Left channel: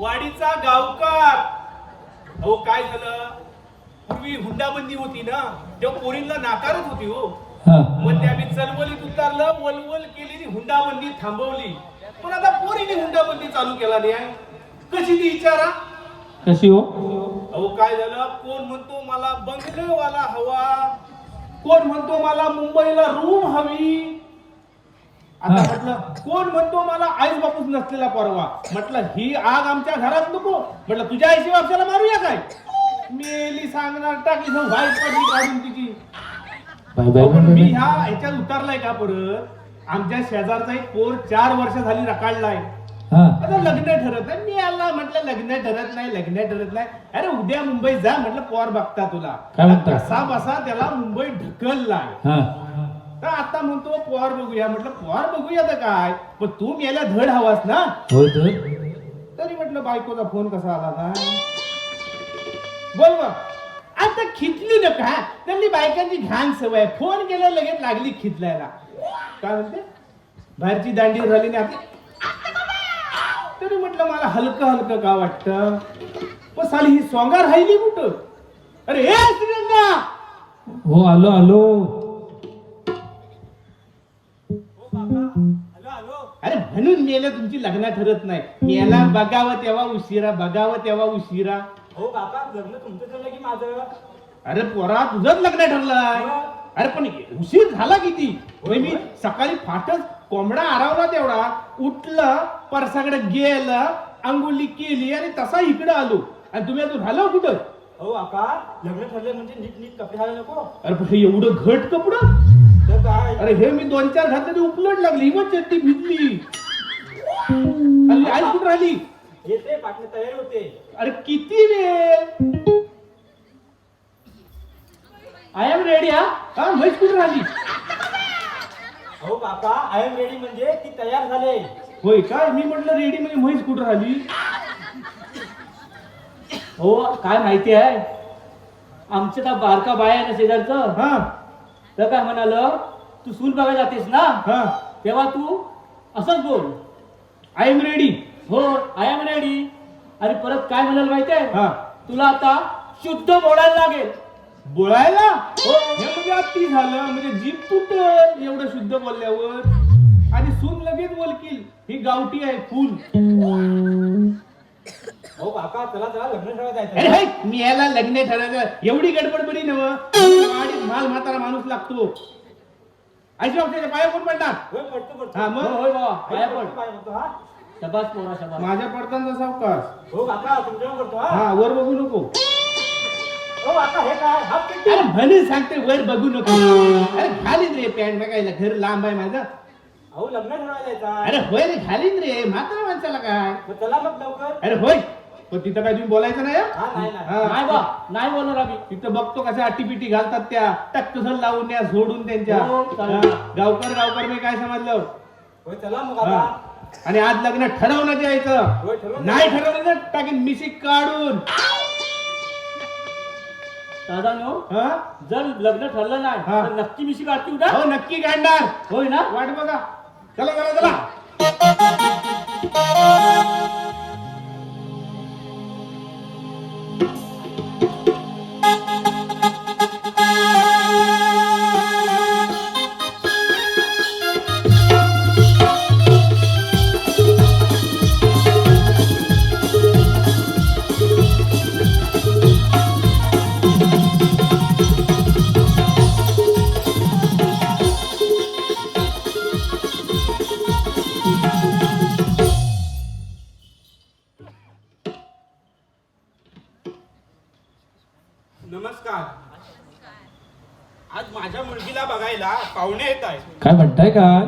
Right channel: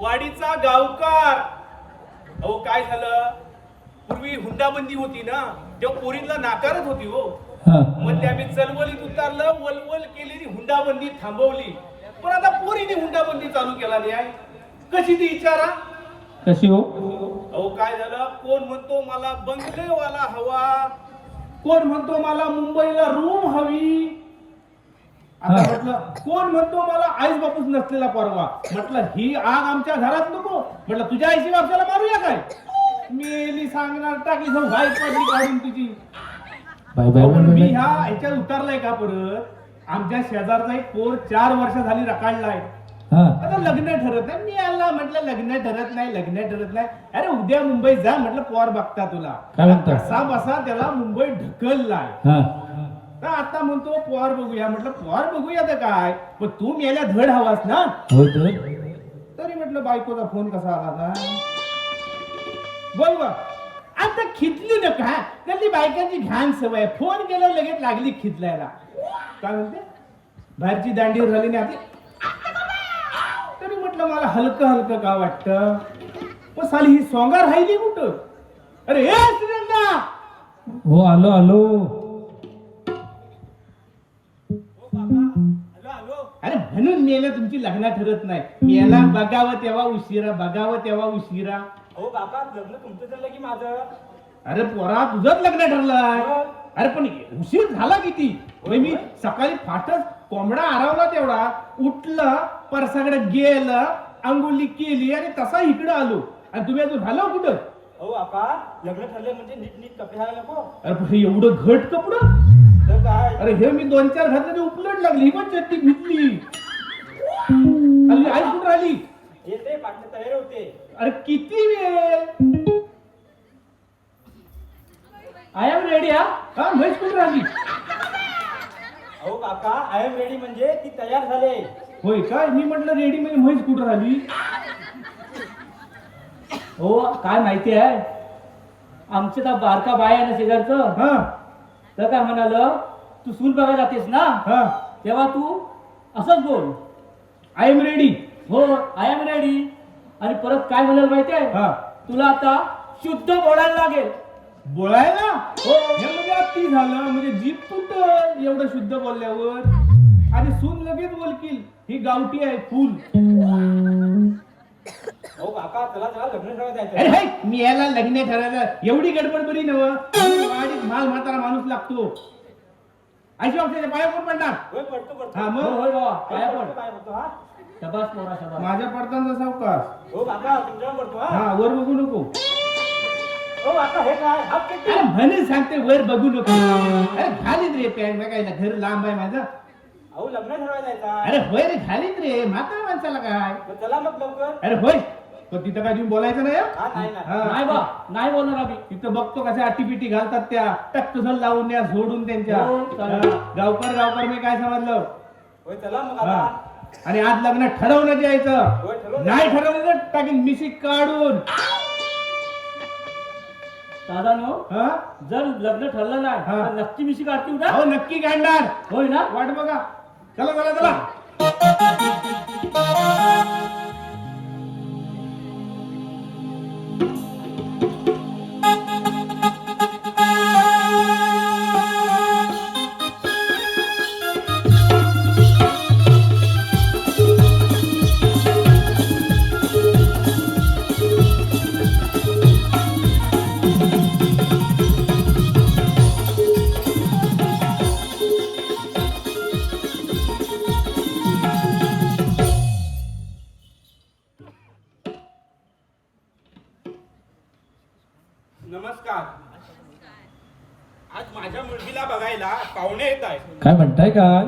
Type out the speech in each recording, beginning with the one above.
वाडीचा गावकार. अहो काय झालं, पूर्वी हुंडाबंदी होती ना, तेव्हा पोरींना नाकारत होती हो. मग ते आम्ही चलवलीत उतारलं, वलवल केलेली हुंडाबंदी थांबवली. पण आता पोरीने हुंडाबंदी चालू केला नाही. कशी ती विचारा. कशी हो? अहो काय झालं, कोण म्हणतो मला बंगलेवाला हवा, कोण म्हणतो मला मुंबईला रूम हवी. आता म्हटलं कोण म्हणतो मला आईस बापूस नसलेला परवा. म्हटलं ही आग आमच्या घरात नको. म्हटलं तुझ्या आईशी बापशाला मारूया काय. मेली सांगणार टाकली व्हाईट पडली काढून तिची. पण मी ह्याच्यात उतरलाय का परत. आमच्या शेजारचा एक पोर 4 वर्ष झाली रकाडलाय. आता लग्न ठरत नाही. मी आला म्हटलं लग्न ठरत नाही, लग्न ठरत नाही. अरे उद्या मुंबईत जा म्हटलं पोर बघता तुला. कसा बसा त्याला मुंबईत ढकललाय. तर आता म्हणतो पोर बघूया. म्हटलं पोर बघूया तर काय, पण तू याला धड हवास ना. तरी म्हटलं बायकोचा फोन कसा आला ना. बोल ग. आता खिचली ना का, त्यांनी बायकांची घाण सवय. फोन केला लगेच लागली खिचलायला. काय म्हणते बाहेरची दांडी झाली नाही आपली. तरी म्हटलं मला हलकं हलकं का वाटतं. पण साली ही सोंगा राहिली कुठं. अरे हे श्रीरंगा. हो आलो आलो. अरे म्हणून मेला तुमची लग्न ठरत नाही. मेला बघावं तेव्हा उशिरा, बघावं तेव्हा उशिरा. हो बाबा लग्न तुमचं झालं की माझं. अरे पोरा तुझंच लग्न ठरलं. अरे पण उशीर झाला किती. मी सकाळी फाटच कोंबडा आरावला तेवढा उठलं, परसाकडे गेलं, अंघोळी केली आणि तसा इकडे आलो. आणि तुम्ही अजून झालं कुठं. हो बापा लग्न ठरलं म्हणजे नीट नीट कपडे घालायला नको. अरे पण हे एवढं घट कपडं. तर काय अरे हे मी 2-4 घातले उपलट लागली. ही पण चट्टी भिजली. आई कुठं आली. येते पाठणे तयार होते. अरे किती वेळ. I am ready. हा म्हैस कुठं राहिली. हो काका आय एम रेडी म्हणजे ती तयार झाले. होय काय. मी म्हटलं रेडी म्हणजे म्हैस कुठं राहिली. हो काय माहिती आहे, आमचं का बारका बाय आहे ना शेजारचं. हा तर काय म्हणालं, तू सून बघायला जातेस ना, हा तेव्हा तू असंच बोल, आय एम रेडी. हो आय एम रेडी. आणि परत काय म्हणाल माहिती आहे, हा तुला आता शुद्ध बोलायला लागेल. बोलायला. हो हे म्हणजे अति झालं. म्हणजे जीभ तुटल एवढं शुद्ध बोलल्यावर. आणि सून लगेच बोलकील ही गावठी आहे फुल. हो काका चला चला लग्न ठरवायला अरे जायचं. हाय, मी याला लग्न ठरायचं एवढी गडबड बरी नव. वाडीत माल म्हातारा माणूस लागतो. अशी आपल्याला पाय कोण पडणार. होय पडतो पडतो. हा हो मग होय बाबा काय पडतो, पड. पडतो, हा. शबास पोरा शबास. माझ्या पडताना सावकाश. हो काका तुमच्यावर करतो. हा हा वर बघू नको. हो काका हे काय हा पेटी. अरे म्हणून सांगते वर बघू नको. अरे घालीत रे पॅन्ट बघायला. घर लांब आहे माझं. हो लग्न ठरवायला जायचं. अरे होय रे घालीत रे. म्हातारा माणसाला काय. चला मग लवकर. अरे होय पण तिथं काय तुम्ही बोलायचं नाही. हा नाही नाही. हा. नाही बा नाही बोलणार आम्ही. तिथं बघतो कशा अटीपिटी घालतात त्या. टक तुझं लावून द्या झोडून त्यांच्या. हो, चालेल. हा. गावकर मी काय समजलं. होय चला मग हा. आता. आणि आज लग्न ठरवलं द्यायचं. होय ठरवलं. नाही ठरवलं तर टाकीन मिशी काढून. दादा नो हा जर लग्न ठरलं नाही हा. तर नक्की मिशी काढतील ना. हो नक्की काढणार. होय ना. वाट बघा. चला चला चला. नमस्कार. आज माझ्या मुलगीला बघायला पाहुणे येत आहे. काय म्हणताय काय.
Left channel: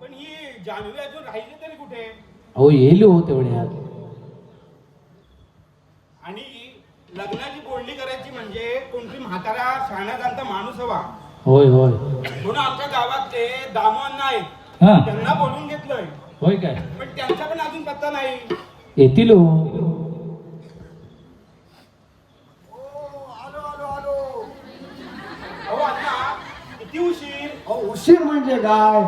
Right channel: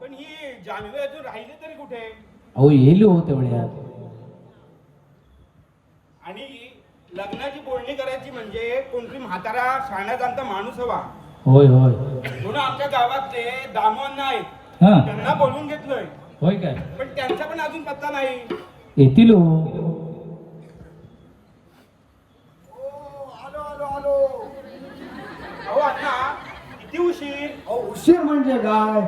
पण ही जान्हवी अजून राहिली तरी कुठे. हो येईल हो तेवढ्यात. आणि लग्नाची बोलणी करायची म्हणजे कोणतरी म्हातारा शाळा जाणता माणूस हवा. होय होय. म्हणून आमच्या गावातले दामन आहेत. हा त्यांना बोलून घेतलंय. होय काय. पण त्यांचा पण अजून पत्ता नाही. येतील हो. अहो अण्णा किती उशीर. उशीर म्हणजे काय,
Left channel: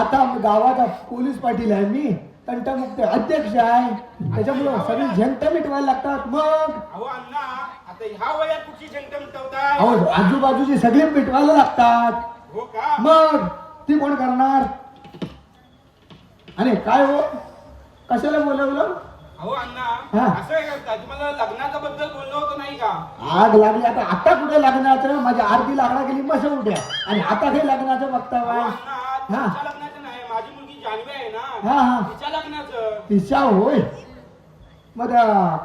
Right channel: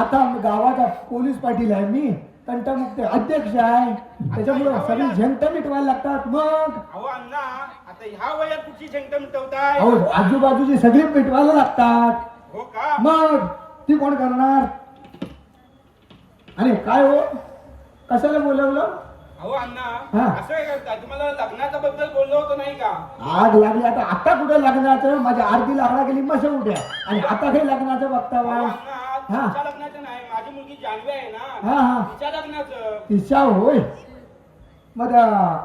आता गावाचा पोलीस पाटील आहे मी. तंटमुक्त अध्यक्ष आहे, त्याच्यामुळे सगळी झंट मिटवायला लागतात. मग अहो अण्णा, आता ह्या वयात कुठची झंट मिटवताय? अहो आजूबाजूची सगळी मिटवायला लागतात. हो का? मग ती कोण करणार? आणि काय हो, कशाला बोलवलं? अहो अण्णा, हा. असं काय करताय? तुम्हाला लग्नाच्या बद्दल बोललो होतो नाही का? आग लागली आता कुठे लग्नाचं? माझी अर्धी लाकडा गेली मस उद्या, आणि आता काही लग्नाचं बघता अहो वा? अण्णा, हा. तुमच्या लग्नाचं नाही, माझी मुलगी जान्हवी आहे ना, हा हा, तिच्या लग्नाचं. तिच्या होय. मग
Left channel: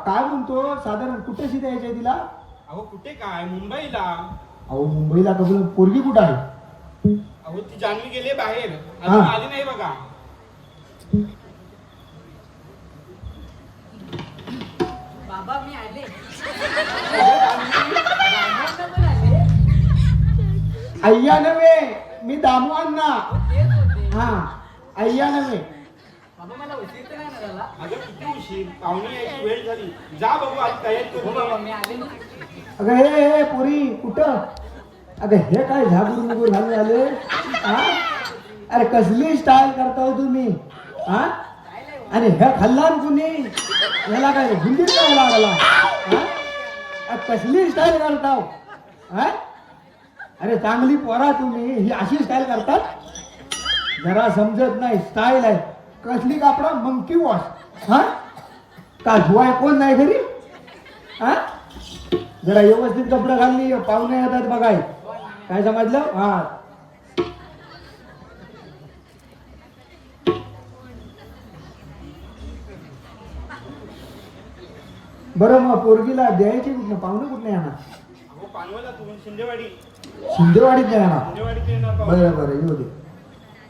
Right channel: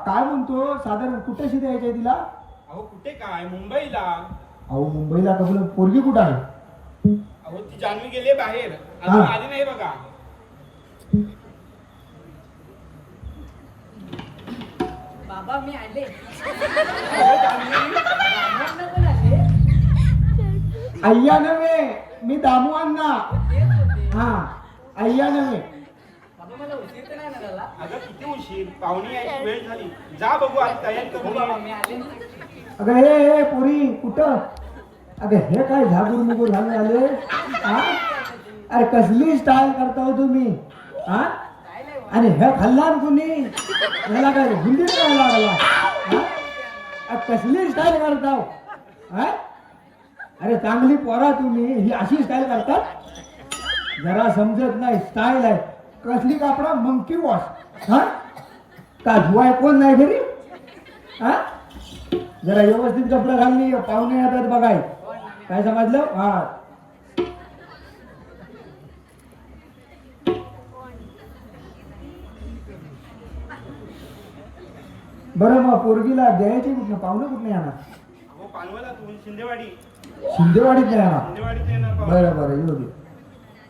काय म्हणतो, साधारण कुठेशी द्यायचंय तिला? अहो कुठे काय, मुंबईला. अहो मुंबईला कबूल, पोरगी कुठं आहे? अहो ती जान्हवी गेली बाहेर, अजून हा. आली नाही बघा. बाबा मी आले. अहो, जान्हवी, अय्या नव्हे, मी दामू अण्णा. हा, अय्या नव्हे. बाबा मला उशीर तर नाही ना झाला? अगं किती उशीर, पाहुणी यायची वेळ झाली. जा बघू, आज तयारी हो करू. बाबा मी आले. अगं हे पुरी कुठं? अगं हे काय झागूर मुगूर घालून आले? हा, अरे कसली स्टाईल करताय तुम्ही? हा, आणि हे खाल्लान कुणी? याला काय हुंदीत काय लागला? हा? कसली स्टाईल करताव? हा, अरे चांगली पोरा तुम्ही, ही अशी स्टाईल करतात? जरा समजत नाही, स्टाईल आहे. कसली कापडा? Monkey wash. हा, का धुवाय कोण नाही घरी? हा, जरा व्यवस्थित कपडे घालली, पाहुणे येतात बघाय. काय समजलं? हा, बरं मग पोरगीला द्यायची कुठनं? पाहुणे कुठनं येणार? अहो पानवला तुम्ही शिंदेवाडी, शिंदेवाडीत नाही येणार. शिंदेवाडीत येणार पाहुणे. बरं बरं, येऊ दे.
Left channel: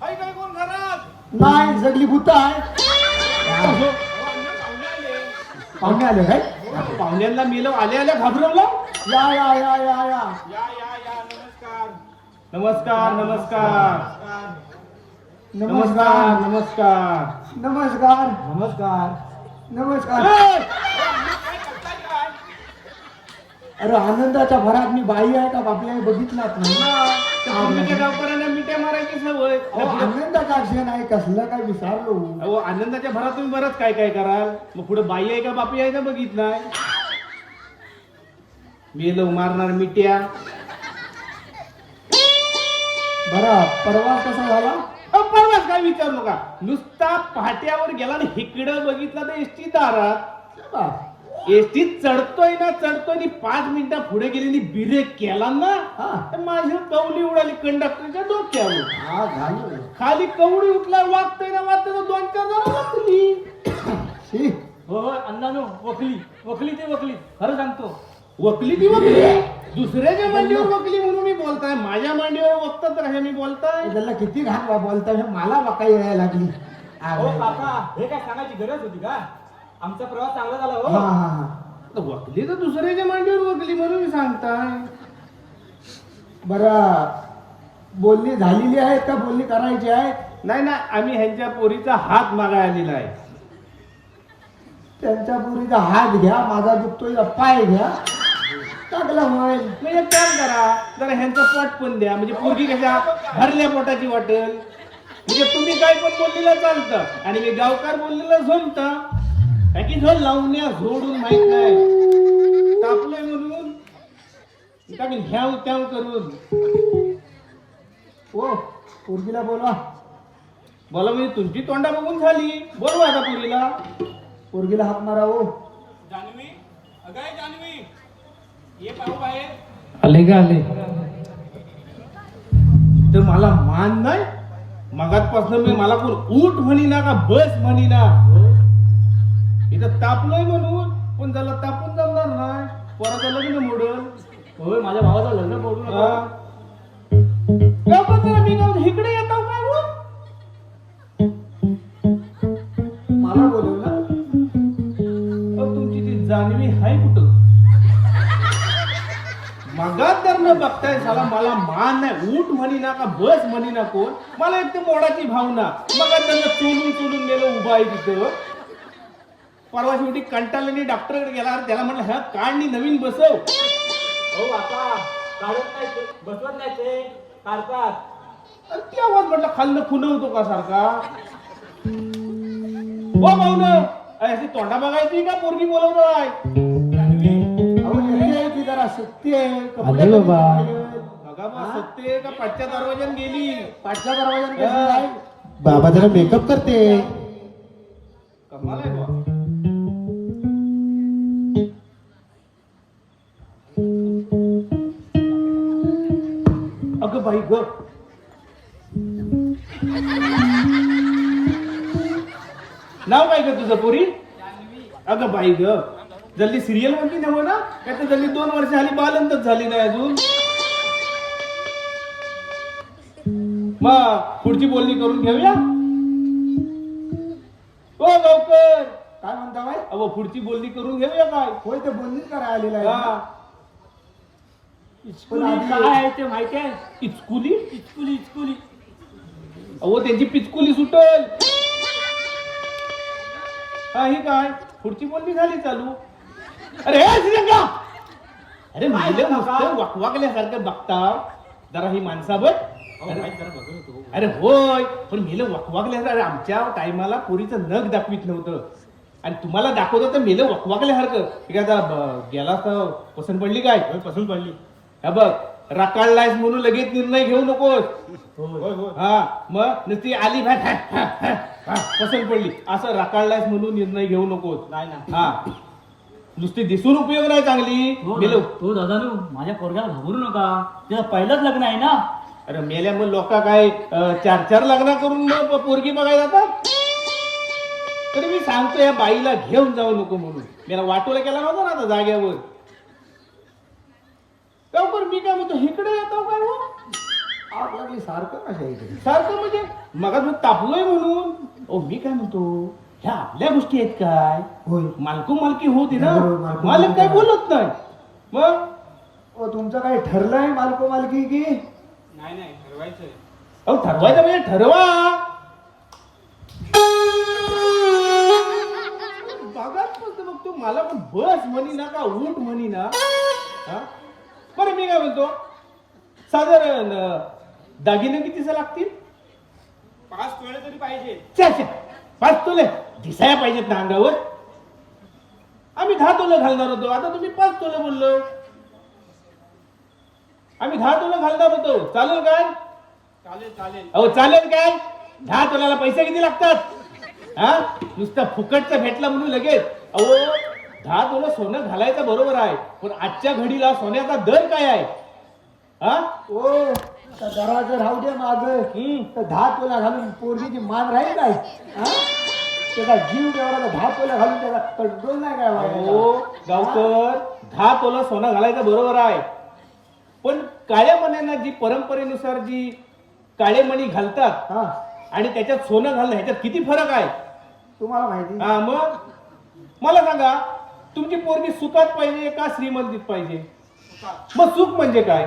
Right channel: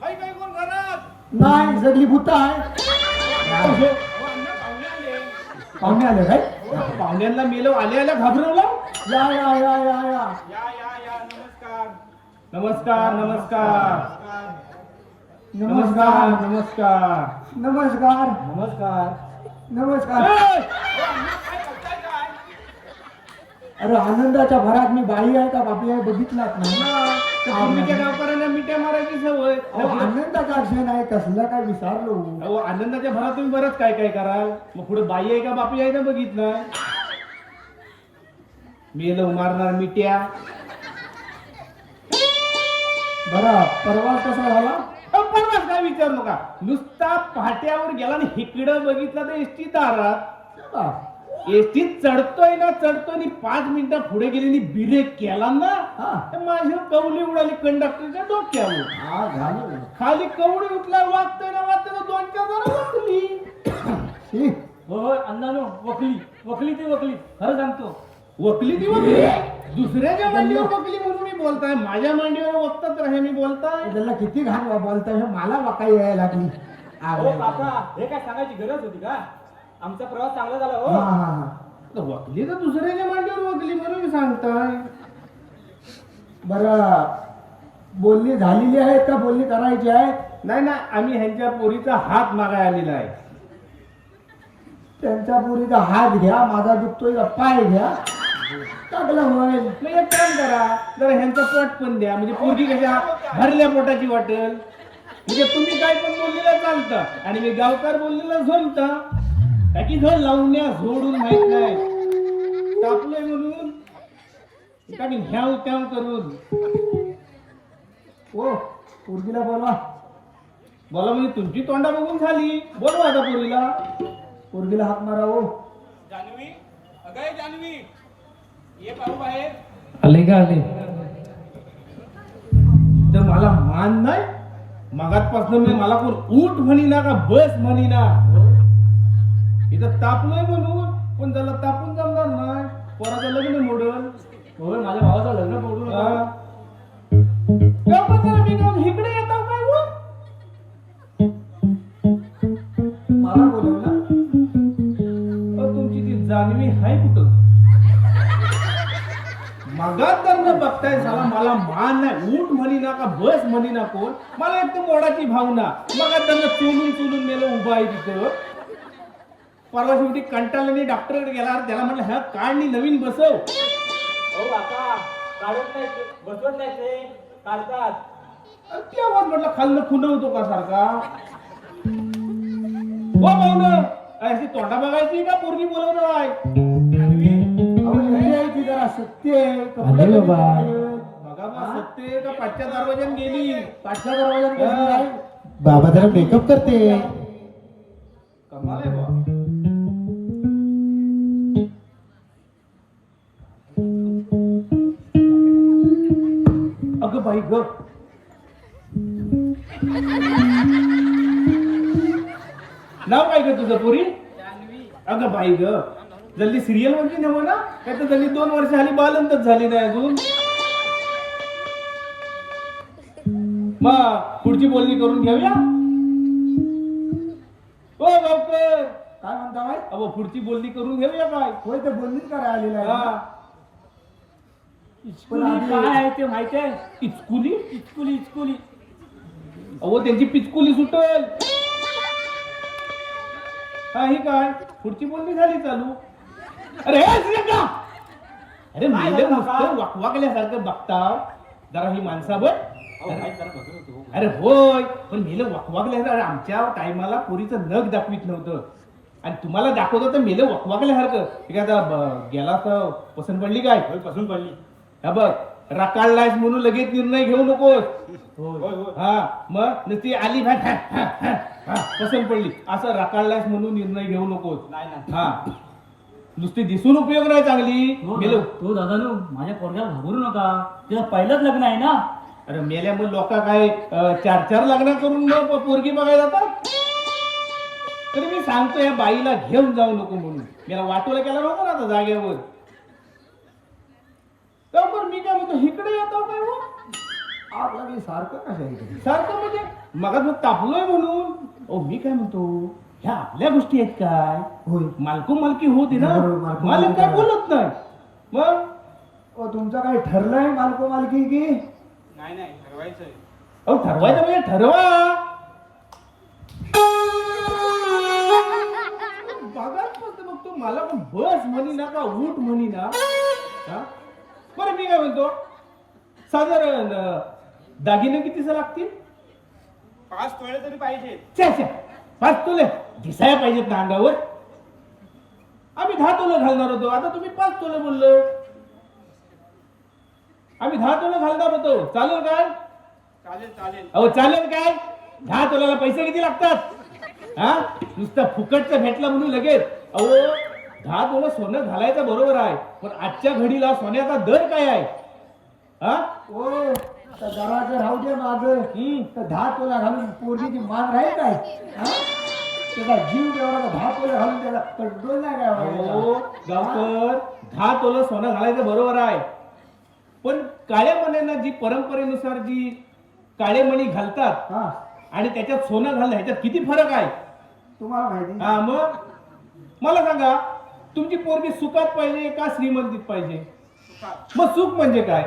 हाय काय कोण घरात? नाही, सगळी भूत आहे. अहो, अण्णा पाहुणे आले. पाहुणे आले काय? पाहुण्यांना मेलो आल्या आल्या घाबरवलं. या या या या या. या या या, नमस्कार. नमस्कार नमस्कार नमस्कार नमस्कार नमस्कार नमस्कार. नमस्कार. ए! अण्णा काय करताय काय? अरे आनंदाच्या भरात मी बाई आहे का बापी आहे बघितलात नाही. पूर्वीच्या गावकऱ्यांना मिठ्या मारायची सवय. अहो, आनंदाचा क्षण आहे, कसला काय विचारलो? अहो, आनंदाच्या भरात तुम्ही बरंच काय काय कराल. मग पुढे बाई आहे का बापी आहे ना बघितलं. मेलो मारणार मिट्या. बरं, परवा कसा झाला? परवाच काय विचारू नका. नुसता पहाट्यावर गेला आणि इकडं बघितलं तर एसटी दारात. बा, एसटीत चढतोय ना चढतोय आणि 5 मिनिटं पुढे गेली आणि ब्रेक केला ना, हा. तर माझी कवली उडाली कंडक्टरच्या डोक्यावर. हा झालं. खाली कवडी उठला, वागतोय ना वागतोय ना 2-4 जण बसली. शी, हो हो अण्णानो, वकली वकली ती वकली, खरं सांगतो. वकली ती वकली. दुसऱ्याच्या मांडीवर वकली म्हणून मी बोलताय, माझ्या मांडीवर वक्तच राहे मी बोलताय. त्याला किती घाण बोलताय, हे मला वाकाई यायला लागली. हा, हो काका, हे काय सांगायची गरज होती का? आमचा प्रवास चांगला झाला हा हो. हा. तर वकली तर दुसऱ्याच्या मांडीवर वकली म्हणून सांगताय. बरं, बोलणी झालेली आहे का बोलणी करायची आहे? नाही ना, आम्ही ह्यांच्या पोरीचा हात मागाय आलेला आहे. त्यांच्या पुरीचा हात घ्या, माझा दुखतोय पाय घ्या, टाकला होईल. मग एक काम करा, जरा ह्यांचा पोट पण द्या, म्हणजे पोरगी कशा भरल्या पोटाची वाटेल. म्हणजे तुम्ही काय पण बोललेलं चालतं आणि मी गावकार बोललेलं झोमता. की झोल लावण्या झोडून माहित नाही, तापलोय म्हणून काय ह्याव त्याव करून. ओ, पोरगीला बोला. बोला म्हणजे तुमची तोंडा बघून झाली, बोलवा आता पोरीला. पोरगीला हात मारा. ओ, जान्हवी, अगं जान्हवी, ये पाहू बाहेर. आले का आले तर मला मान नाही. मगातपासून मी मला कोण उठ म्हणीना का बस म्हणीना. इथं तापलोय म्हणून, पण त्याला तापून जमणार नाही. पोराचं लग्न मोडल. होय, माझ्या भावाचं लग्न मोडू नका. मी इकडे येतो काय हो? मला बोलवलं. तुमची ती जान्हवी आहे कुठं? मगात जर न बघताय झाला, मला मान नाही. उठ म्हणीना का बस म्हणीना कोण. मला एक तर मोडाची भावना. मगात त्यांना चोलून चोलून गेलं उभा आहे तिथं. परवा शेवटी कंटाळल्याने डॉक्टरकडे गेला. त्याला म्हटलं ह्या काढणी नवीन बसव. हो आता काढत नाही ते, बसवत नाही ते, काढतात. अरे ती आवाज म्हटलं खाल्लं खुनवतो का सारखा. पाहुणं अशी तोंडा बघायची का पोरगी बोलवणार आहे? अहो, मुलगी आहे की जरा सत्य आहे. कपडे आले बाबा. घालून बघा बा सत्य का पाठच्या दरवाज्यात गेली पाठच्या दरवाजात कशी आहे? बाबा जरा मेकअप करते. कमाल आहे बा. अगं बाई ग नाव काय ग तुझं पोरी? अगं बाई ग जल्दी सिरियल म्हणजे नव्ह ना काय तर जल्दी 2 वर्ष झाली बालंतच झाली नाही अजून. मग पुढची बोलणी करून घेऊया. ओ गावकर काय म्हणता बाई? अहो पुढची बोलणी करून घेऊया काय? होय तर बोलणीच करा आलेला आहे. हा. इचकुली काय आहे ते माहिती आहे? इचकुली इचकुली इचकुली अहो त्यांची पिचकुली सुटेल. हा ही काय पुढची बोलणी झाली चालू. अरे हे श्रीलंका अरे मेले नुसतं वाकवाकल्यासारखं बघता जरा ही माणसा बघ. अरे होय पण मेलं वाकवाकल्यासारखं. अरे आमच्या टायमाला पोरीचं नख दाखवित नव्हतं आणि तुम्हाला दाखवतं तर मेलं वाकवाकल्यासारखं. ठीक आहे आता गेला तर पसंत पडली काय? पसंत पडली. हा बघ रकाळलायस म्हणून लगेच निर्णय घेऊ नकोस. होय होय. हा मग नुसती आली पसंत पडली असं रकाळलायस म्हणून निर्णय घेऊ नकोस. नाही ना. हा नुसती दिसून उपयोग नाही चांगली. मेलो तो दादानू माझ्या पोरग्याला घाबरू नका, तिला पहिलंच लग्न आहे ना. अरे मेल्या मग लोक काय 4-4 लग्न करून मग पोरगी बघायला जातात. तरी मी सांगतो या बाईला घेऊन जाऊ नको म्हणून. मला वाटोला केला नव्हता ना आता जागेवर. बरोबर मी काय म्हणतो इकडे येतो का हो? आप लागली सारखं कसं आहे इकडे? सारखं म्हणजे मग तू तापलोय म्हणून. ओ मी काय म्हणतो ह्या आपल्या गोष्टी आहेत काय? होय. मालको मालकी होती ना. बरोबर, मालको मालक काय मालकी. बोलत नाही. मग ओ तुमचं काही ठरलंय मालको मालकी की? नाही नाही ठरवायचंय. अहो ठरवायचं म्हणजे ठरवा. बघाच फक्त मग तू मला पण बस म्हणी ना का उठ म्हणी ना. हा? बरं मी काय म्हणतो साधारण दागिने कितीचं लागतील? 5 तोळे तरी पाहिजे. च्या 5 तोले दिसायला पाहिजेत ना अंगावर. आम्ही 10 तोले घालणार होतो आता तुम्ही 5 तोले बोललो. आम्ही 10 तोले घालणार होतो चालेल काय? चालेल चालेल. अहो चालेल काय? 10 तोल्याला पैसे किती लागतात? हा नुसतं फुकटचं भेटला म्हणून लगेच. अहो 10 तोलं सोनं घालायचं बरोबर आहे पण आजच्या घडीला सोन्याचा दर काय आहे? हा ओ घराचं राहू दे माग. हम्म. तर 10 तोला घालून पोरगीची मान राहील काय? हा? त्याचा जीव देवाला 10 तोला घालून त्याला कंट्रोल नाही काय अहो व्हायला? गावकर 10 तोलं सोनं घालायचं बरोबर आहे पण काळ्या मण्यानं जी परंपरेनुसार जी काळे मणी घालतात हा आणि त्याच्यात सोनं घालणं ह्याच्यात किती फरक आहे? तुम्हाला माहिती? हा मग मला सांगा तुमची पोरगी सुखात पाहिजे का श्रीमंतीत पाहिजे? मग सुख म्हणजे काय?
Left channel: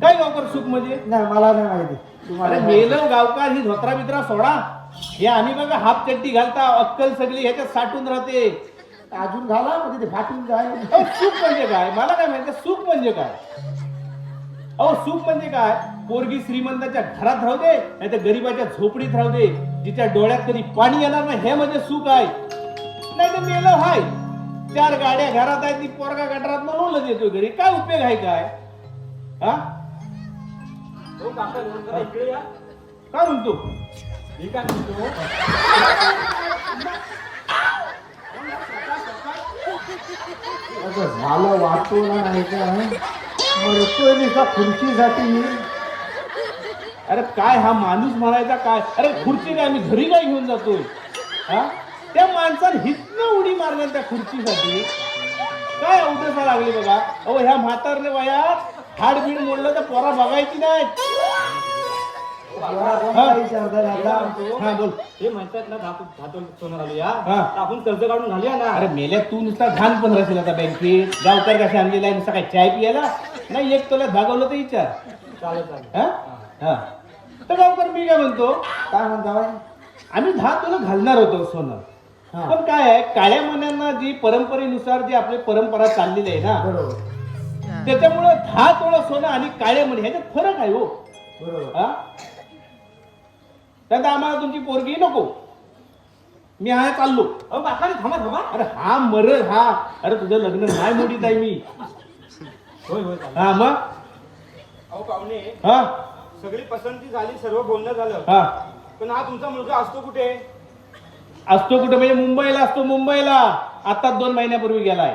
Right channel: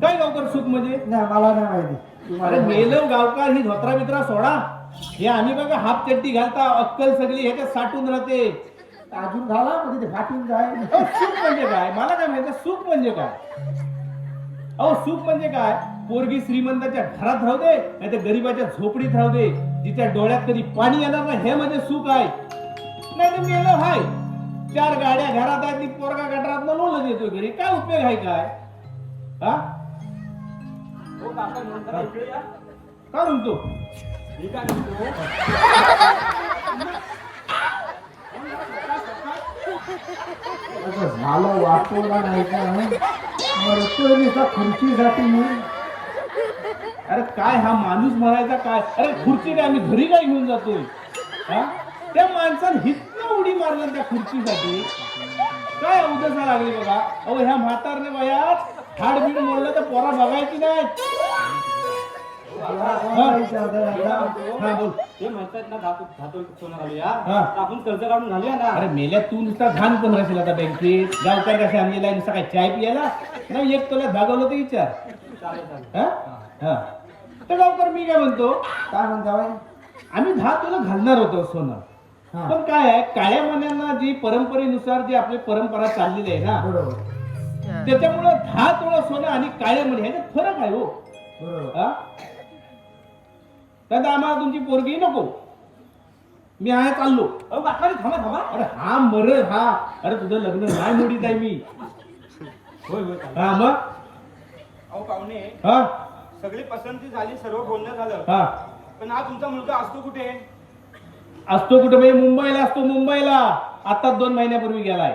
काय गावकर सुख म्हणजे? नाही मला नाही माहिती. अरे तुम्हाला मेलं गावकार ही धोत्रा बित्रा सोडा. हे आम्ही बघा हाफ चड्डी घालता अक्कल सगळी ह्याच्यात साठून राहते. अजून घाला म्हणजे ते फाटून जाईल. अहो, सुख म्हणजे काय? मला काय माहिती सुख म्हणजे काय? अहो सुख म्हणजे काय? पोरगी श्रीमंताच्या घरात राहू दे नाही तर गरीबाच्या झोपडीत राहू दे जिच्या डोळ्यात कधी पाणी येणार नाही हे म्हणजे सुख आहे. नाही तर मेलं हाय 4 गाड्या घरात आहेत ती पोरगा गटारात लोळत देतो घरी. काय उपयोग आहे काय? हा हो काका जरा इकडे या. काय म्हणतो? मी काय म्हणतो? असं झालं वाटवला नाही का? मरतोय नुसता खुर्चीसाठी मी. अरे काय हा माणूस म्हणायचा काय? अरे खुर्ची काय मी घरी काय घेऊन जातोय? हा त्या माणसानं हितनं उडी मारल्या त्या खुर्चीसाठी. काय अवदसा लागली बाबा? अहो ह्या म्हातारने वयात हाडबीड मोडलं तर पोरा बघायची नाही. पोरा कोणाला विचारता दादा? हा बोल. ते म्हणतात ना धातू सोनं घालूया. हा. तर आपण कर्ज काढून घालूया ना. अरे मेल्या तू नुसता घाण पण राहशील आता बँकेत. गावकर कशा आणलेला आहे नुसता काय चाय पियाला? नाही एक तुला भागवलं तर विचार. चालेल चालेल. हा हा तर गावकर मी काय म्हणतो काय म्हणता बाई? आम्ही 10 तोलं घालणार होतो सोनं. हा. पण काय आहे काळ्या मनांना जी परंपरेनुसार जी आपली परंपरा चाललेली आहे ना बरोबर त्याच्यामुळं 10 तोळं सोनं आणि काळे मणी ह्याच्यात फरक आहे हो. बरोबर. हा त्यात आम्हाला तुमची पोरगी नको. मी आहे चाललो. अहो काका रे, थांबा थांबा. अरे हा मरल हा. अरे तुझं लग्न नाही मोडीत आहे मी. होय होय चालेल. हा मग अहो पाहुणे, हा सगळी पसंती झाली, सर्व बोलणं झालं, हा पण हा तुमचा मुलगा असतो कुठे? असतो कुठे म्हणजे मुंबईला असतो. मुंबईला आता 2 महिन्यापूर्वी गेलाय.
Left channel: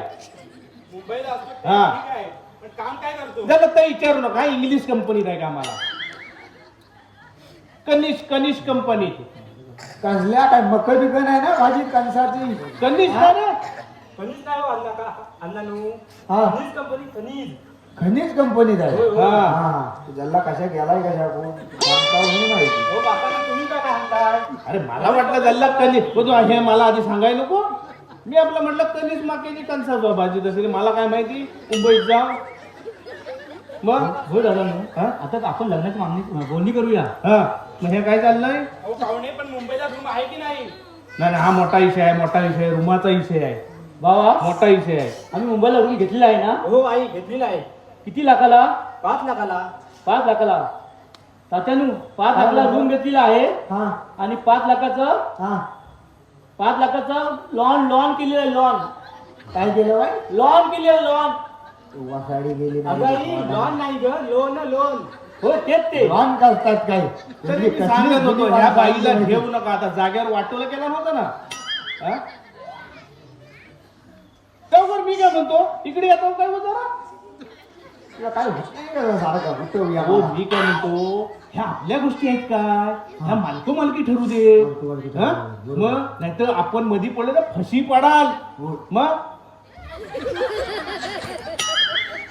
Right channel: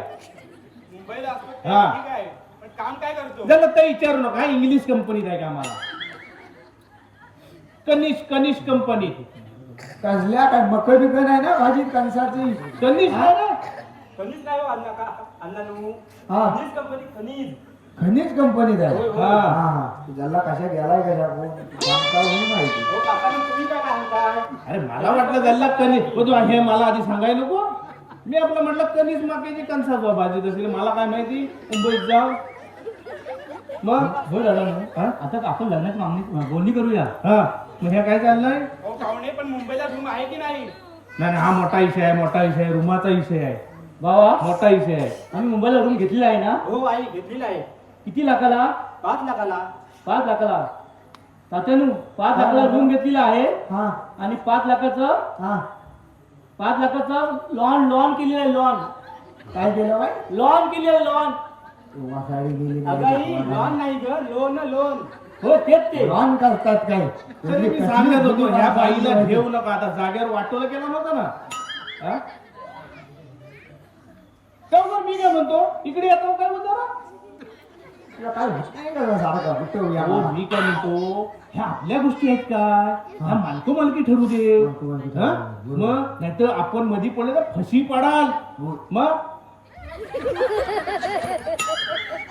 मुंबईला असतो हा. ठीक आहे, पण काम काय करतो? झालं तर विचारू नका. इंग्लिश कंपनीत आहे कामाला. कनिष्क कंपनी. कसल्या काय मक्क बिकन आहे ना भाजीत कणसाची. कनिष्क आहे ना? कणीस नाही हो अण्णा का? अण्णा नु. हा. कणीस कंपनी, कणीस. खनिज कंपनीत आहे. हा. हा तू जल्ला कशा गेलाय कशा कोण सांगता नाही माहिती. हो काका रे, तुम्ही काय म्हणताय? अरे मला वाटलं त्याला कनिष्क. तो हे मला आधी सांगाय नको. मी आपलं म्हटलं कनिष्क माकेची कणसा भाजीत असेल. मला काय माहिती मुंबईत जाऊ. मग हो दादा हा? आता आपण लग्नाची मागणी बोलणी करूया. हा मग हे काय चाललंय? अहो पाहुणे, पण मुंबईला रूम आहे की नाही? नाही हा मोठा विषय आहे. मोठा विषय आहे. रूमाचा विषय आहे. बाबा मोठा विषय आहे. आम्ही मुंबईला रूम घेतलेला आहे ना. हो आई, घेतलेला आहे. किती लाखाला? 5 लाखाला. 5 लाखाला. तात्यानू 5 लाखाला रूम घेतलेला आहे हा आणि 5 लाखाचं हा 5 लाखाचं लॉन केलेलं आहे. काय केलं बाई लॉन केलेलं लॉन. वासाडी गेली अगाई, लॉन नाही ग, लोन लोन. हो तेच ते. लॉन करतात काय तरी मी सांगत होतो ह्या बाईला घेऊ नका. आता जागेवर वाटोला केला नव्हता ना. हा? त्यावर मी काय म्हणतो इकडे येतो काय म्हणतो ना? तुला काय होत नाही का सारखं उठवूया. हो मी काय म्हणतो ह्या आपल्या गोष्टी आहेत काय? ह्या मालकी ठरू दे. हा? मग नाहीतर आपण मधी पडलं तर फशी पडाल. मग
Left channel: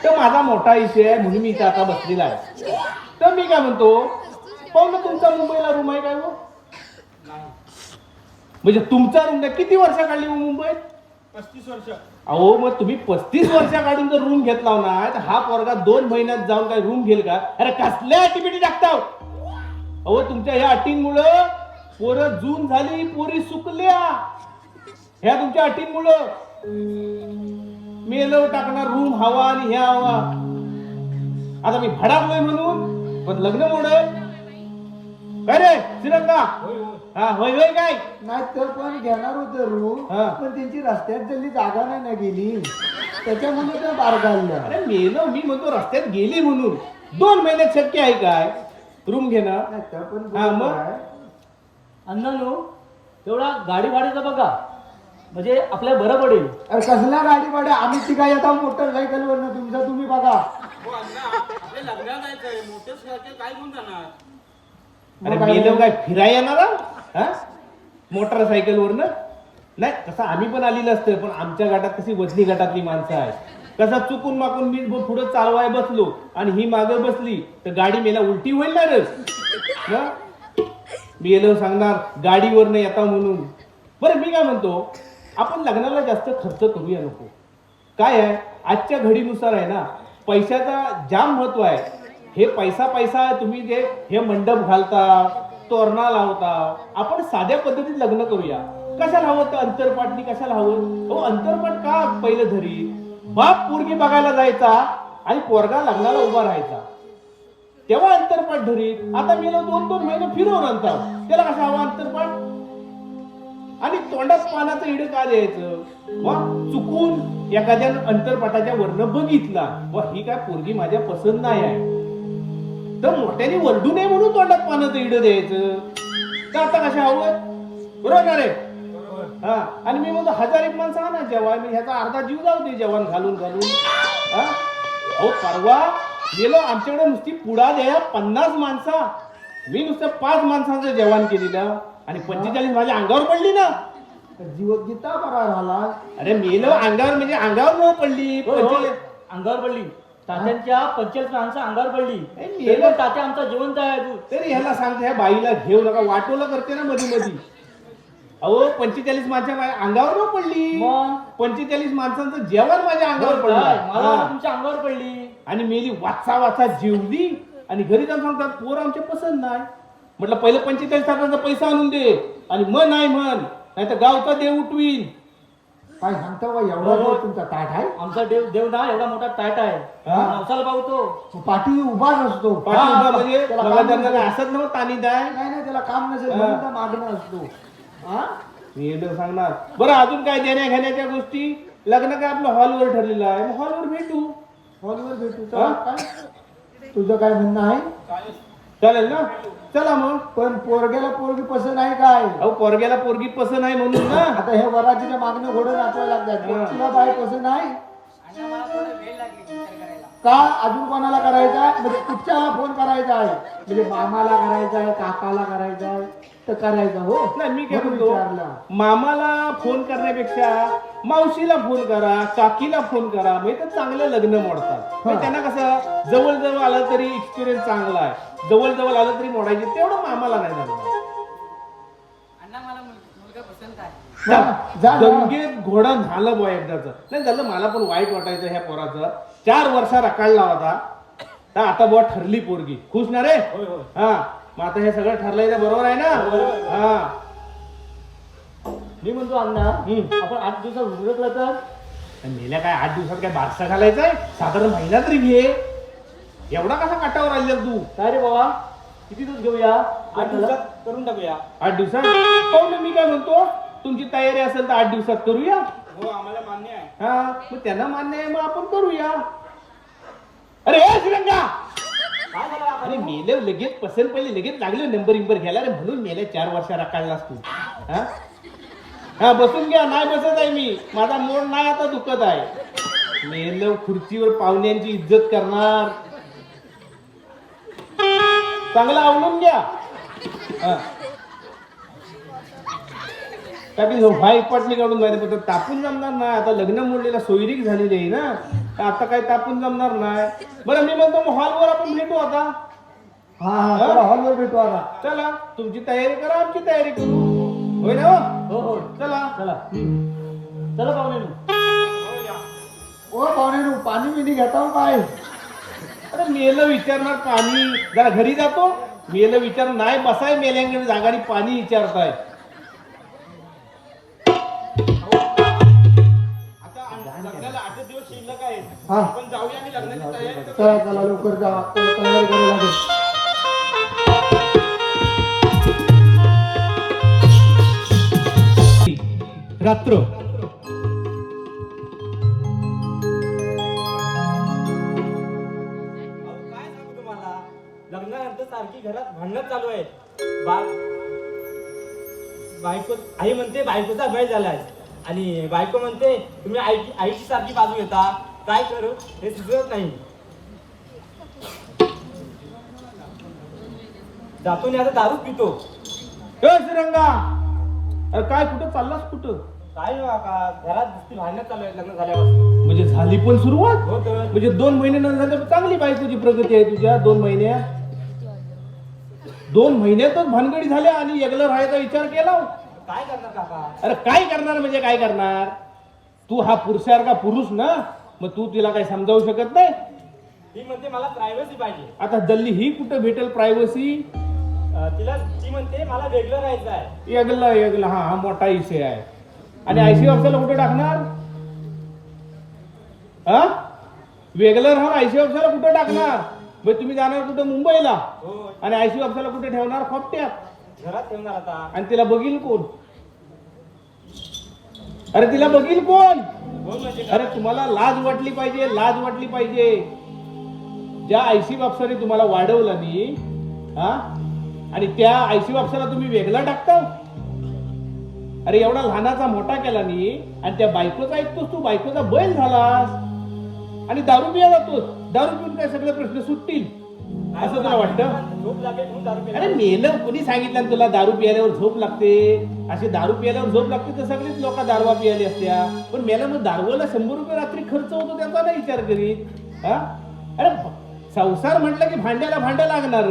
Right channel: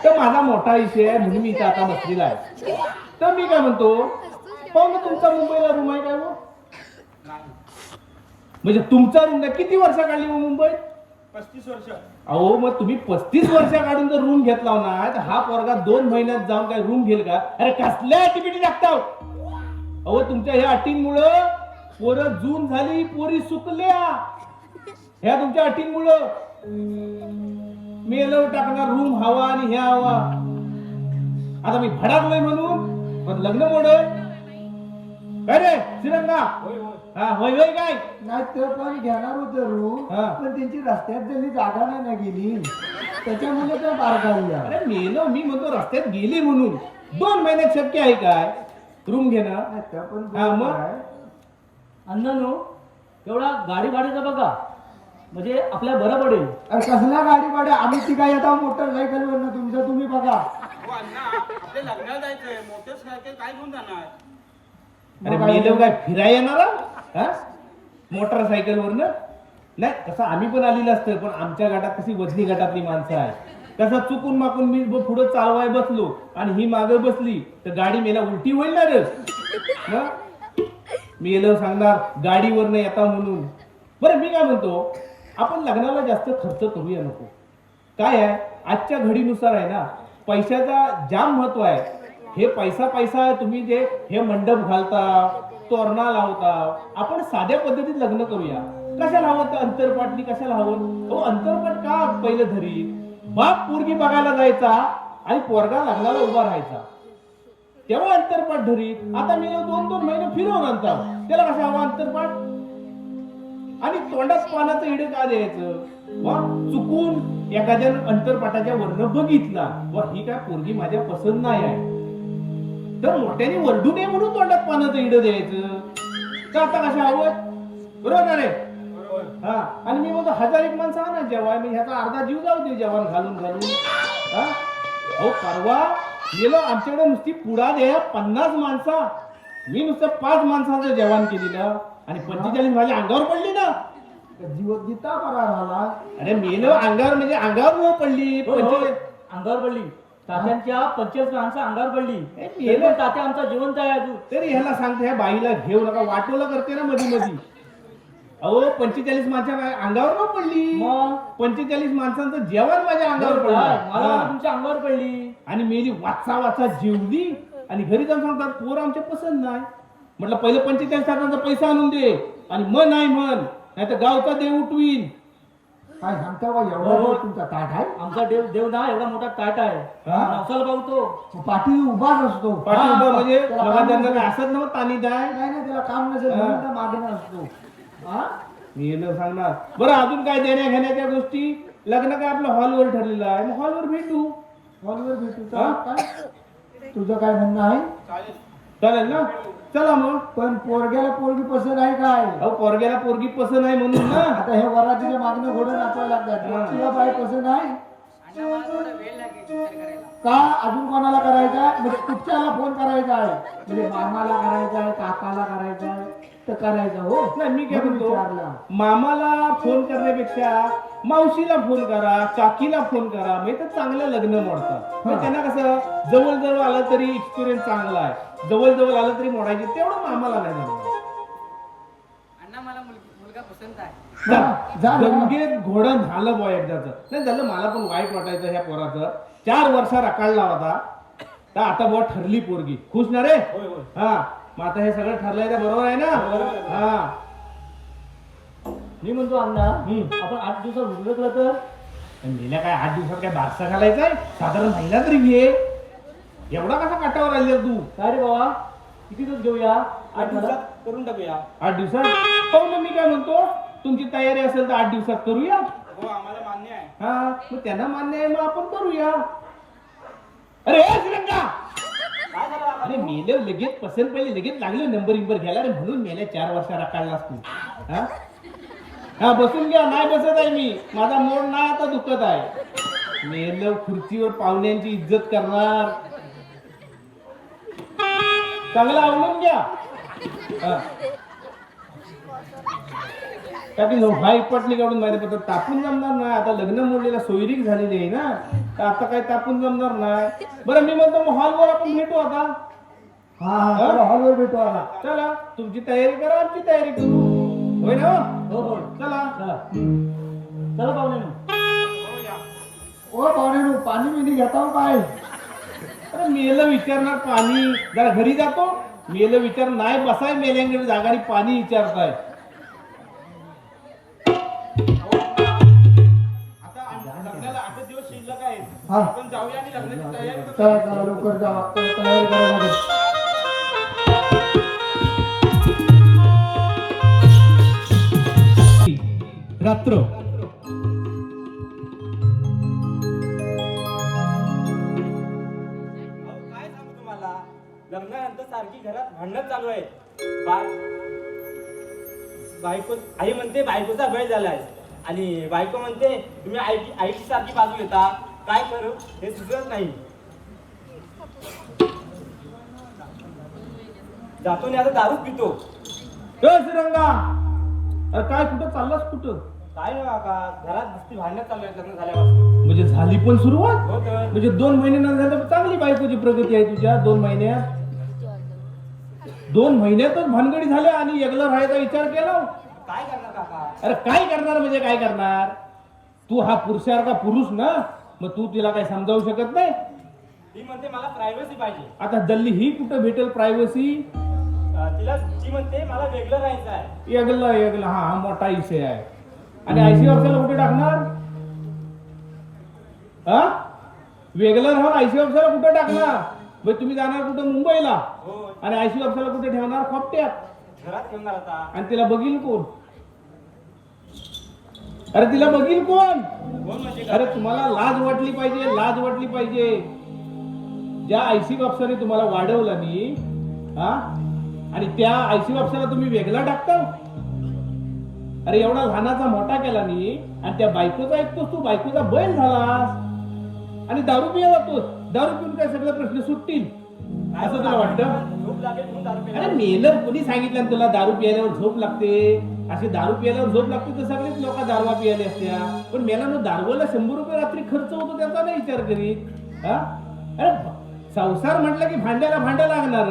तर माझा मोठा विषय आहे म्हणून मी इथे आता बसलेला आहे. तर मी काय म्हणतो पाहुणे तुमचा मुंबईला रूम आहे काय हो? म्हणजे तुमचा रूम नाही. किती वर्ष काढली हो मुंबईत? 35 वर्ष. अहो मग तुम्ही 35 वर्ष काढून जर रूम घेतला ना तर हा पोरगा 2 महिन्यात जाऊन काय रूम घेईल का? अरे कसल्या ऍक्टिव्हिटी टाकता? अहो तुमच्या ह्या अटींमुळं पोरं जून झाली, पोरी सुकल्या. ह्या तुमच्या अटींमुळं मेलव टाकणार रूम हवा आणि ह्या हवा. आता मी भडाकलोय म्हणून पण लग्न मोडल काय रे श्रीरंगा? हा होय होय काय? नाही तर पण घेणार होते रूम हा. पण त्यांची रस्त्यात जल्ली जागा नाही ना गेली त्याच्यामुळे ते बार काढल्या. अरे मेलो मी म्हणतो रस्त्यात गेली म्हणून 2 महिन्यात शक्य आहे काय रूम घेणं? नाही तर पण हा, मग? काय? अण्णानू तेवढा गाडी भाड्याचा बघा म्हणजे आपल्या बरं पडेल. अरे कसल्या गाडी भाड्या आम्ही ती काय आता मोटरसायकल वरनं तुमचा तुम्ही बघा. हो अण्णा, आपल्या लग्नाला जायचंय, मोटरसायकल काय घेऊन जाणार? अरे मेलो काय फिराय येणार हा मोटरसायकल वरनं? नाही तसं आम्ही पण आलेलं असतं पण आमच्या गटात कशी वजनी गटातली माणसं आहेत. कसं चुकून माकून मी पुढे चालवाय बसलो आणि ही मागे बसली तर गाडी मेला उलटी होईल ना रे. मी गेलो सांगणार गाडीवरनं येता म्हणून. बरं मी काय म्हणतो आपण लग्नाला जास्त खर्च करूया नको. काय आहे आजच्या घडीनुसार आहे ना पैशाचा जाम महत्व आहे. हे पैसा तुम्ही जे हे मंडप घालता तोरणा लावता आपण साध्या पद्धतीत लग्न करूया. कशाला हवं तर अंतरपाटनी कशाला हवं? हो अंतरपाट का पहिलं धरी बाप पोरगी बघायला जायचा आणि पोरगा लग्नाला उभा राहायचा तेव्हा अंतरपाट धरीत. आता मी 2-2 महिने फिरवून आणतात त्याला कसा हवा अंतरपाट? आणि तोंडात पानाचं इडे का द्यायचं? मग चुकून एखाद्यानं अंतरपाटाच्या वरनं बघितला व ही काय पोरगी माझ्या पसंत नाही आहे तर मोठ्याने वरडू नये म्हणून तोंडात पानाचं इडं द्यायचं. तर आता कशा हवं? बरोबर रे? हा आणि मी म्हणतो 1001 माणसं आणा जेवण. मी ह्याचा अर्धा जीव जाऊ दे जेवण घालून हा हो परवा गेलो आमच्याकडे नुसती पुडा द्या 50 माणसा. मी नुसतं 5 माणसांचं जेवण केलेलं आणि 45 माझ्या अंगावर पडली ना. जीव गीता बरा राहिला. अरे मेलं अंगावर म्हणजे अंगावर न पडली. हो, हो. अंगावर पडली. तात्यांच्या 45 माणसं अंगावर पडली. हे ते पण तात्या आमचा जिवंत आहे अजून. तरी ह्याला सांगते ह्या बाईला घेऊ नका वाटोला करते ना मधी. अहो 45 माणसं अंगावर न पडली. मग 45 माणसांचं जेवण माझ्या अंगावर मला पडलं तुमच्या अंगावर पडली. आणि मेली वाचा जेवली आणि घरी जाऊन सांगतात पोर आमच्या पसंत नाही. म्हटलं पहिलं 45 लाखांचा पैसा आणून दे आणि मन नाही म्हण नाही तर गावचा देव उठवीन. काय सांगता बा एवढा हो. तुमचा ताट आहे? आमचा देव ना एवढा मोठा ताट आहे. हा. नवसाला पावतो. पाठी उभाच असतो. पाठी हा, उभा म्हणजे त्याला बघा काम त्यांना नसेल. काय असत नव्हतं तानी दाय. नाही त्याला काम नसेल हा. म्हणून तर मागणं असतो. हा मी येणं सांगणार. बरं अजून काय देण्या घेण्याच्या गोष्टी? लग्न काय आपलं हॉलवर ठरलेलं आहे, मग हॉलवर भेटू. हॉलवर भेटू हा? का? काय तुझं काय म्हणणं आहे? चालेल ना? चला मग. पण पोरग्याला पोरगी पसंत आहे काय? अहो पोरग्याला पोरगी पसंत आहे म्हणून ना. आता हे वरातीच्या मागणं घोडं नाचवायला लागतात. तुला बाय पसंत आहे अण्णा मला थोडा वेळ लागेल विचार करायला. का? अजून कोणाला करायचा? म्हणजे कुठच्याला फोन करायचा आहे? म्हणजे मामाला करायचा आहे, काकाला करायचा आहे, तर करायचा हो. नाही मी काय म्हणून म्हणतो, विचारलं. मामाला फोन करण्यापेक्षा मावशीला फोन करा, काकीला फोन करा, म्हणजे तर चांगलं लग्न मोडतात. म्हणजे त्यांना कसं जवळ आलं तरी एक्सपिरियन्स चांगला आहे, जवळ आलं तरी मोडायचे, तेवढं मामाला नाही झालं. अण्णा मला मुलगा पसंत आहे. जा ना. गंगेत घोडा झालं बुवा एकदाच. नाही झालं, मला पण वाईट वाटायचं ह्या पोराचं. 4 वर्ष रकाळला होता, तर आता बुवा ठरली पोरगी. खुश ना रे? हा, मग आता हे सगळं ठरलंय तर बरोबर आहे ना? हा. मी म्हणतो अण्णा आपण 8 दिवसात उरकलं तर मेल्या काय 8 दिवसात काय बारसा घालायचाय? साधारण महिना तरी घे. एवढा कसा काटावर आलेला तू? काय रे बाबा, किती दिवस घेऊया? 8 दिवसात करून टाकूया. 8 दिवसात? हो मग मी काय म्हणतो, तुमची तयारी असेल तर 8 दिवसात करूया. हो आम्हाला मान्य आहे. हा, मग त्यांना मान्य आहे, मग आपण करूया. अरे ए श्रीरंगा, अरे मेलं लगेच पसंत पहिले लगेच लागले नंबर घ्यायला रे, म्हणून मेल्या 4 वर्षाला काढलास तू. हा हा, बसून घ्या. नाही बसत आहे मी, माझा मोड नाही आता दुखत आहे. मेलं खुर्चीवर पाहुण्यांची इज्जत करणार. चांगलं आवडून घ्या. हा, भाई पटणी काढून जाते, पण तापून जमणार नाही. आता लग्न मोडलेला सोयरीक झालेली आहे ना, तर आता काय तापून जमणार नाही. बरं मी म्हणतो मग हॉलवर आपण भेटू आता. हा चला हॉलवर भेटू आता. चला, तुमची तयारी करा, आमची तयारी करू. होय ना? हो हो, चला. चला चला पाहुणे. ओ पाणी पाणी मिनी घेता हो काय? अरे मेलं विचारणार पाणी, जरा घरी जातो. मेलं विचार नाही बसाय, मेल्यांकडे जागारी पाणी विचारताय. लग्नाला 8 दिवस शिल्लक आहे. हा आपण जाऊया आणि लग्नाची तयारी करू. चला लवकर जा, तयारी करायला लागेल. रात्र अहो, काय सांगू तुम्हाला, लग्नानंतर सारखी घरात भांडण चालू आहे. बायको आई म्हणते बायकोचा बैल झालाय, आणि बायको म्हणते तुम्ही आईची सारखी बाजू घेता. काय करू हे सुचत नाही. जातो आणि आता दारू पितो. ए श्रीरंगा, अरे काय कुठं चाललास कुठं? काय नाही काका, घरात नुसती भांडणं चालू आहेत लग्न झाल्यापासून. म्हणजे झाली पण सुरुवात? हो तर म्हणजे 2 महिने न झालं, चांगली बायकोची प्रगती आहे तुझ्या. 2 महिन्यात 2 महिन्यातच भानगडी झाल्या आणि एकलं राहायचा विचार केला. काय करणार काका? अरे काय करणार म्हणजे काय करणार? तू हा पुरुषासारखा पुरुष ना, मग तू तिला काय समजावू शकत नाही? ती म्हणते मला प्रायव्हसी पाहिजे. आता दल्ली ही कुठं भेटेल प्रायव्हसी? ती म्हणते मला वेगळं राहायचं आहे. एकला हा मोठा विषय आहे. आणि आयसीयू ऑफिसला कुठे टाकणार? हा, वेगळं राहून आयसीयू ऑफिसला कुठे टाकणार? म्हणजे तुम्ही जाणार कुठं मुंबईला, हो आणि आयसीयू ऑफिसला कुठे ठेवणार? खोपट्यात. घरात ठेवणार आता. आणि तिला बघील कोण? अरे तिला बघील कोण? कोण म्हणजे अरे तुम्हाला लाज वाटली पाहिजे, लाज वाटली पाहिजे. ज्या आयसीयू ऑफिसरने तुम्हाला वाढवलं नाही, हा, आणि त्या आयसीयू ऑफिसरला तुम्ही वेगळा टाकता. अरे एवढा लहानाचा मोठा केला नाही, आणि त्या बायकोचा ऐकतोस तू, बायकोचा बैल झालास, आणि दारू पिया जातोस. दारू पिऊन काय सगळे प्रश्न सुटतील असं तुला वाटतं? झोप लागेल म्हणून दारू पिली. अरे मेलं कोणी सांगितलं ना तुला दारू पियाल्यावर झोप लागते? अशी दारू पियाल्यावर झोप लागते तर सगळेच लोक दारूवा पियाले असत्या. पण मेला मग दारूला 100 रुपये रात्री खर्च होतो त्याचा नाही विचार करीत. हा, अरे संसार म्हटलं की भांड्याला भांडा लागणार.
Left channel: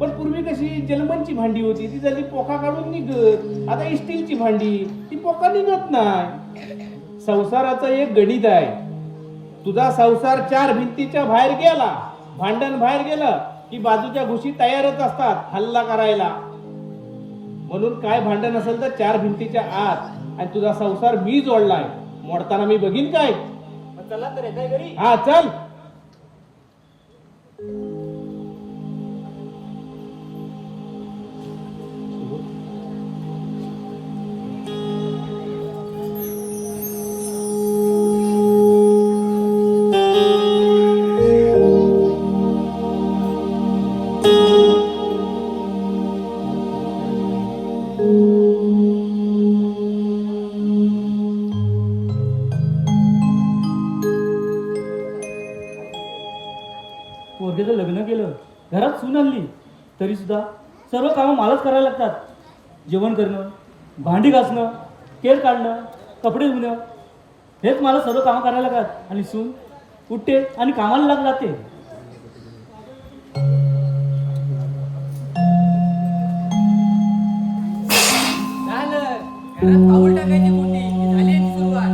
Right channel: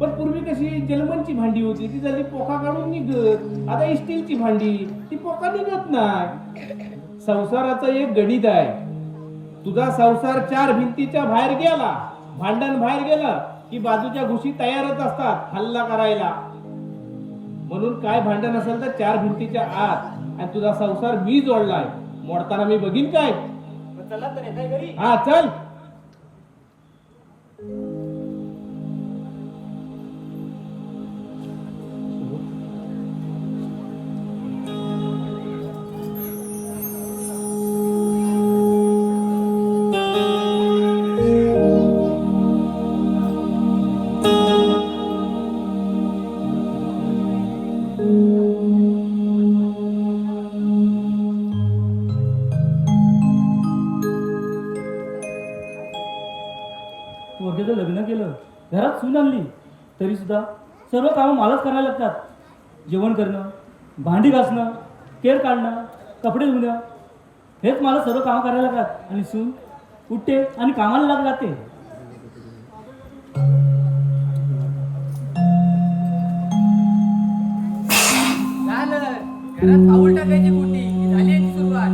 पण पूर्वी कशी जलमनची भांडी होती, ती झाली पोका काढून निघत. आता स्टीलची भांडी, ती पोका निघत नाही. संसाराचं एक गणित आहे. तुझा संसार 4 भिंतीच्या बाहेर गेला, भांडण बाहेर गेलं की बाजूच्या घुशी तयारच असतात हल्ला करायला. म्हणून काय भांडण असेल तर 4 भिंतीच्या आत. आणि तुझा संसार मी जोडलाय, मोडताना मी बघीन काय? मग चला तर येताय घरी. हा चल. तरी सुद्धा सर्व कामं मलाच करायला लागतात. जेवण करणं, भांडी घासणं, केर काढणं, कपडे धुणं, हेच मला सर्व कामं करायला लागतात. आणि सून उठते आणि कामाला लागते. झालं घरात पाऊल टाकायची कुठे की झाली याची सुरुवात.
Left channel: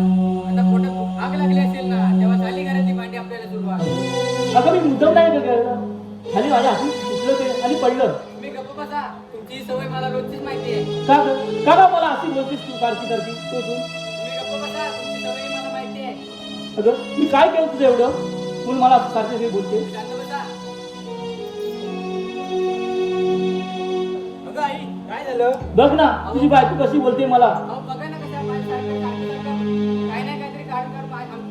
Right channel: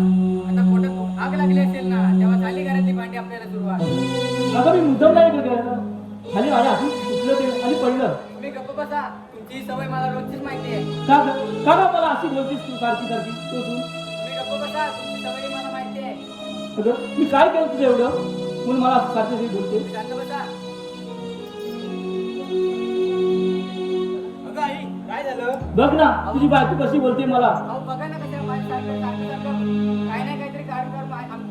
आता पोटात आग लागली असेल ना तेव्हा झाली घरातली भांडी आपल्याला सुरुवात. अगं मी मुद्दाम नाही केलं. खाली माझ्या हातून सुटलं ते आणि पडलं. तुम्ही गप्प बसा. तुमची ही सवय मला रोजचीच माहिती आहे. का का मला अशी बोलतीस तू सारखी सारखी तो तू? तुम्ही गप्प बसा. तुमची सवय मला माहिती आहे. अगं मी काय केलं तुझं एवढं म्हणून मला असं सारखं हे बोलते? शांत बसा. अगं आई काय झालं? बघ ना तुझी बायको कशी बोलते मला. अहो बघा ना कशा माझ्यासारखं सारखं काही नाही काहीतरी कारण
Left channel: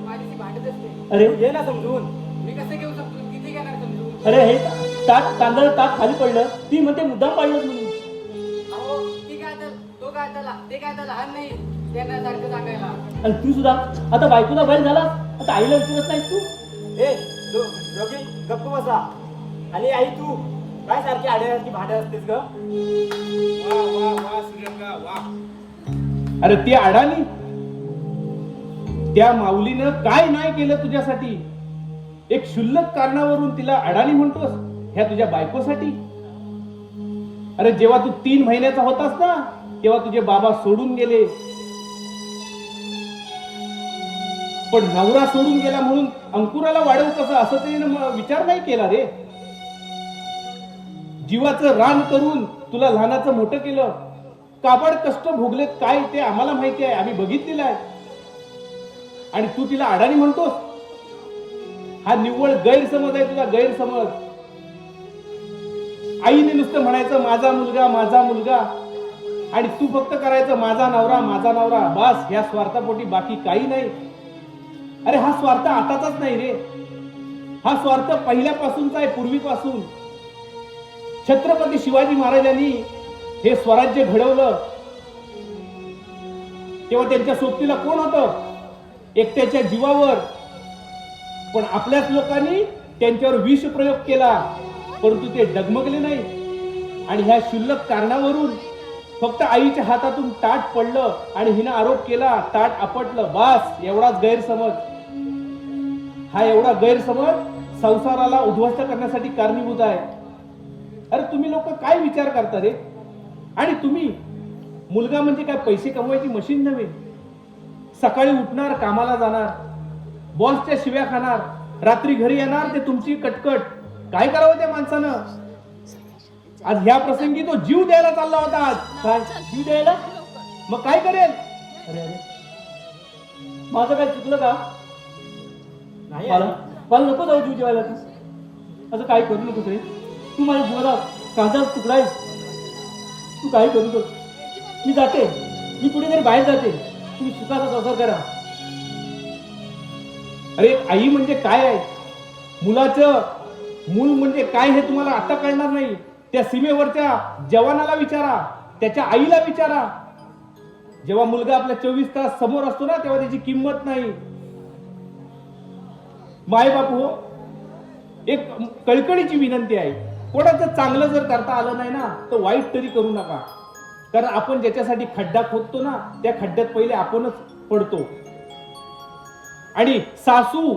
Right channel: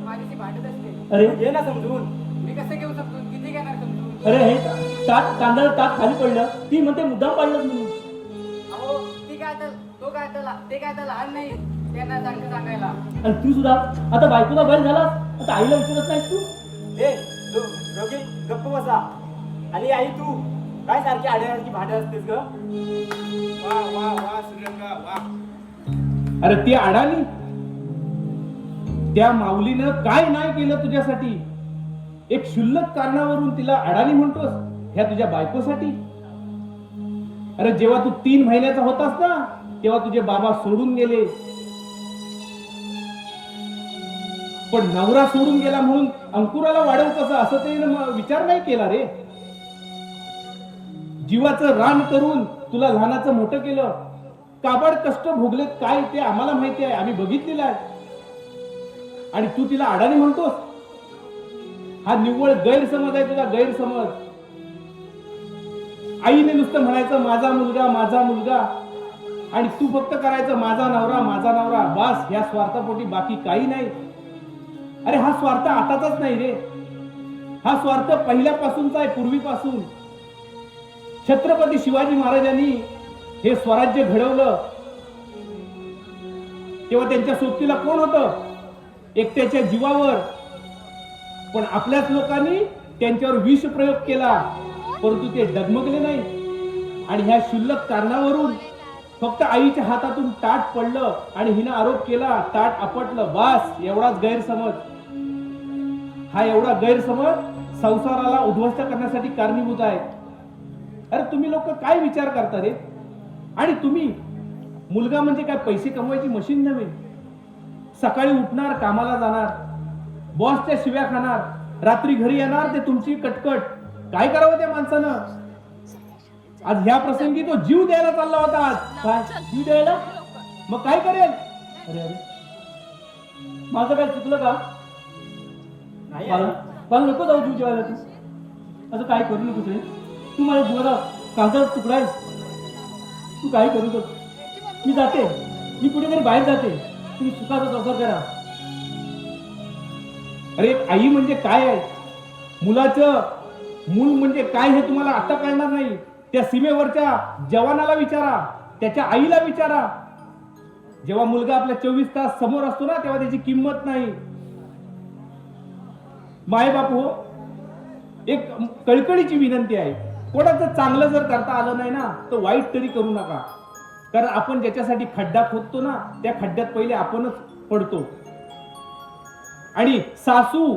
माझ्याशी भांडत असते. अरे घे ना समजून. मी कसं घेऊ शकतो? किती घेणार समजून? अरे हे तांदळ ताट खाली पडलं ती म्हणते मुद्दाम पाडलंच म्हणून. अहो ती काय आता तो काय आता ते काय आता लहान नाही त्यांना सारखं सांगायला. आणि तू सुद्धा आता बायकोला बैल झाला आता आईला विचारत नाहीस तू? ए दोघे गप्प बसा. आणि आई तू काय सारखी आड्यासारखी भांडत असतेस ग? वा वा वा श्रीरंगा वा. अरे ती अडाणी, त्या माऊलीनं काय नाही केलं तुझ्यासाठी? एक क्षुल्लक कारणावरून तिला अडाणी म्हणतोस ह्या तुझ्या बायकोसाठी? अरे जेव्हा तू 3 महिन्याचा होतास ना तेव्हा तुझे बाबा सोडून गेले, पण नवरा सोडून गेला म्हणून अंकुराला वाढवू कसं असं तिने विचार नाही केला रे. जीवाचं रान करून तुला लहानाचं मोठं केलं. काबाड कष्ट भोगलेत काय ते आम्हाला माहिती आहे, आम्ही बघितलेलं आहे. आणि तू तिला अडाणी म्हणतोस? हा निव्वळ गैरसमज आहे तुझा, गैरसमज. आईने नुसतं म्हणायचं माझा मुलगा माझा मुलगा, आणि तू फक्त करायचं माझा नवरा माझा नवरा. बस ह्या स्वार्थापोटी बाकी काही नाही. अरे हा स्वार्थ आताचाच नाही रे, हा स्वार्थ पहिल्यापासूनचा आहे, पूर्वीपासून. छत्रपती शिवाजी महाराजांनी हे स्वराज्य घडवलं तेव्हा त्यांच्या सोबतीला कोण होतं? एकट्याच्या जीवावर. पण आपल्याच लोकांनी त्यांच्यावर विष प्रयोग केला, परंतु ते डगमगले नाही. आणि ह्या क्षुल्लक कारणावरून फक्त आईच्या हातातून ताट पडलं आणि हिनं आरोप केला, ताट आपटलं. बस एवढाच गैरसमज. हा एवढा गैरसमज संसाराला उद्ध्वस्त करण्यासाठी कारणीभूत आहे. अरे तुम्ही लोक काय विचार करता रे? आणि तुम्ही मुलगा म्हणजे काय पैसे कमवायची मशीन नव्हे. सकाळी उठणार, कामाला जाणार, बॉसच्या शिव्या खाणार, रात्री घरी येणार, ते तुमची कटकट. काय करावं त्या माणसानं? आज ह्या प्रसंगी तो जीव द्यायला चालला होता. आज काय जीव द्यायला? मग काय करेल? अरे अरे माझं काय चुकलं का? नाही मला आई. मला नको जाऊ जीव जेवायला. तू असं काय करू नकोस रे. तू माझ्या जीवाला कांदा तुकडा आहेस. तू काही करू नको. मी जाते, मी कुठेतरी बाहेर जाते. तुम्ही सुखाचा संसार करा. अरे आई म्हणजे काय आहे? मुलाचं मूल म्हणजे काय हे तुम्हाला आता कळणार नाही. त्या सीमेवरच्या जवानाला विचारा, त्याच्या आईला विचारा. जेव्हा मुलगा आपल्या 24 तास समोर असतो ना तेव्हा त्याची किंमत नाही. माय बापू, एक कळकळीची विनंती आहे, कोणाचं चांगलं जर करता आलं नाही ना तर वाईट तरी करू नका. कारण आपण ज्याच्यासाठी खड्डा खोदतो ना त्या खड्ड्यात पहिले आपणच पडतो. आणि सासू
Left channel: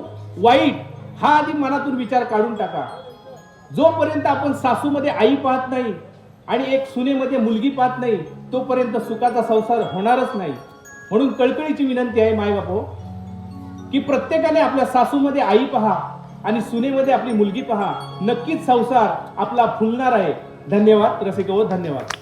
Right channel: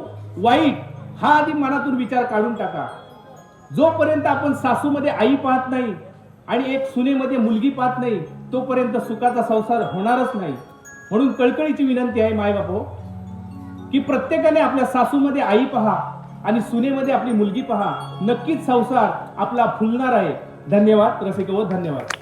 वाईट हा आधी मनातून विचार काढून टाका. जोपर्यंत आपण सासूमध्ये आई पाहत नाही आणि एक सुनेमध्ये मुलगी पाहत नाही तोपर्यंत सुखाचा संसार होणारच नाही. म्हणून कळकळीची विनंती आहे माय बापू की प्रत्येकाने आपल्या सासूमध्ये आई पहा आणि सुनेमध्ये आपली मुलगी पहा. नक्कीच संसार आपला फुलणार आहे. धन्यवाद रसिको, धन्यवाद.